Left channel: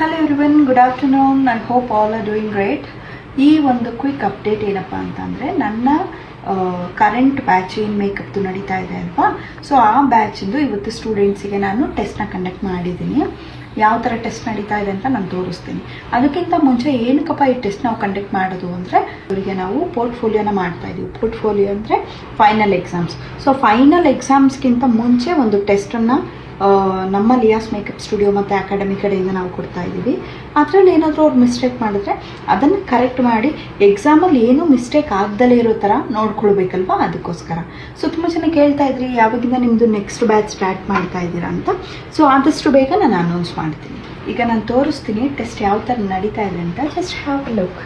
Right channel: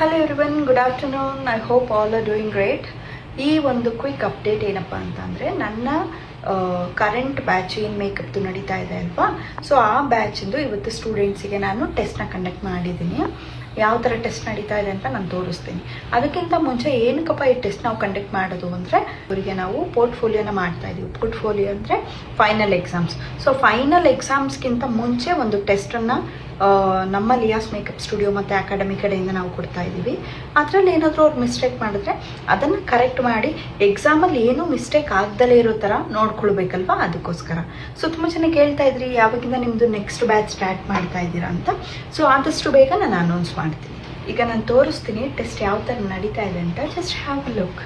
Hello everyone, good afternoon. I hope all are doing great. ಈ ಒಂದು quick update ಏನಪ್ಪ ಅಂತಂದರೆ, ನನ್ನ ಕರೆಂಟ್ ಬ್ಯಾಚ್ ಏನು ಮೇಕಪ್ದು ನಡೀತಾ ಇದೆ ಅಲ್ವಾ, ಸೊ ಆ ಬ್ಯಾಚಿಂದು ಇವತ್ತು ಸ್ಟೂಡೆಂಟ್ಸಿಗೆ ನಾನು ಟೆಸ್ಟ್ನ ಕಂಡಕ್ಟ್ ಮಾಡಿದ್ದೀನಿ. ಯಾವ ಥರ ಟೆಸ್ಟ್ ನಡೀತಾ ಇದೆ ಅಂತ ನಾನು ತೋರಿಸ್ತೀನಿ. ಅದಕ್ಕಿಂತ ಮುಂಚೆ ಏನಕ್ಕಪ್ಪ ಈ ಟೆಸ್ಟ್ ನಾವು ಕಂಡಕ್ಟ್ ಮಾಡೋದು ಅಂದರೆ, ಇವರಿಗೆ ನಾವು ಪೋರ್ಟ್ಫೋಲಿಯೋನ ಮಾಡ್ತಾ ಇದ್ದೀವಿ. ಪೋರ್ಟ್ಫೋಲಿಯೋ ಅಂದರೆ ಫೈನಲ್ ಎಕ್ಸಾಮ್ಸ್. ಸೊ ಫೈನಲ್ ಎಕ್ಸಾಮ್ಸ್ಗಿಂತ ಮುಂಚೆ ಒಂದು ಟೆಸ್ಟನ್ನು ನಮ್ಮ ಲಿಯಾಸ್ ಮೇಕಪ್ ಸ್ಟುಡಿಯೋ ಮತ್ತು ಅಕಾಡೆಮಿ ಕಡೆಯಿಂದ ನಾವು ಕೊಡ್ತಾ ಇದ್ದೀವಿ. ಅದರಲ್ಲಿ ಏನಾದರೂ ಅವ್ರು ಮಿಸ್ಟೇಕ್ ಮಾಡಿದ್ರೆ ಅದನ್ನು ಕರೆಕ್ಟ್ ಮಾಡಿ ಎಕ್ಸಾಮಲ್ಲಿ ಏನೂ ಮಿಸ್ಟೇಕ್ ಆಗ್ದಲೇ ಇರೋ ಥರ ನೋಡ್ಕೊಳ್ಬೇಕಲ್ವಾ, ಅದಕ್ಕೋಸ್ಕರ. ಸೊ ತುಂಬ ಜನ ಕೇಳ್ತಾ ಇದ್ರಿ ಯಾವಾಗಿಂದ ನಿಮ್ಮದು ನೆಕ್ಸ್ಟ್ ಬ್ಯಾಚ್ ಸ್ಟಾರ್ಟ್ ಮಾಡ್ತಾ ಇದ್ದೀರಾ ಅಂತ. ಸೊ ಆದಷ್ಟು ಬೇಗ ನಾನು ಅನೌನ್ಸ್ ಮಾಡ್ತೀನಿ. ಈಗ ನಾನು ತೋರಿಸ್ತೀನಿ ಟೆಸ್ಟ್ ಯಾವ ಥರ ನಡೀತಾ ಇದೆ ಅಂತ. Just have a look.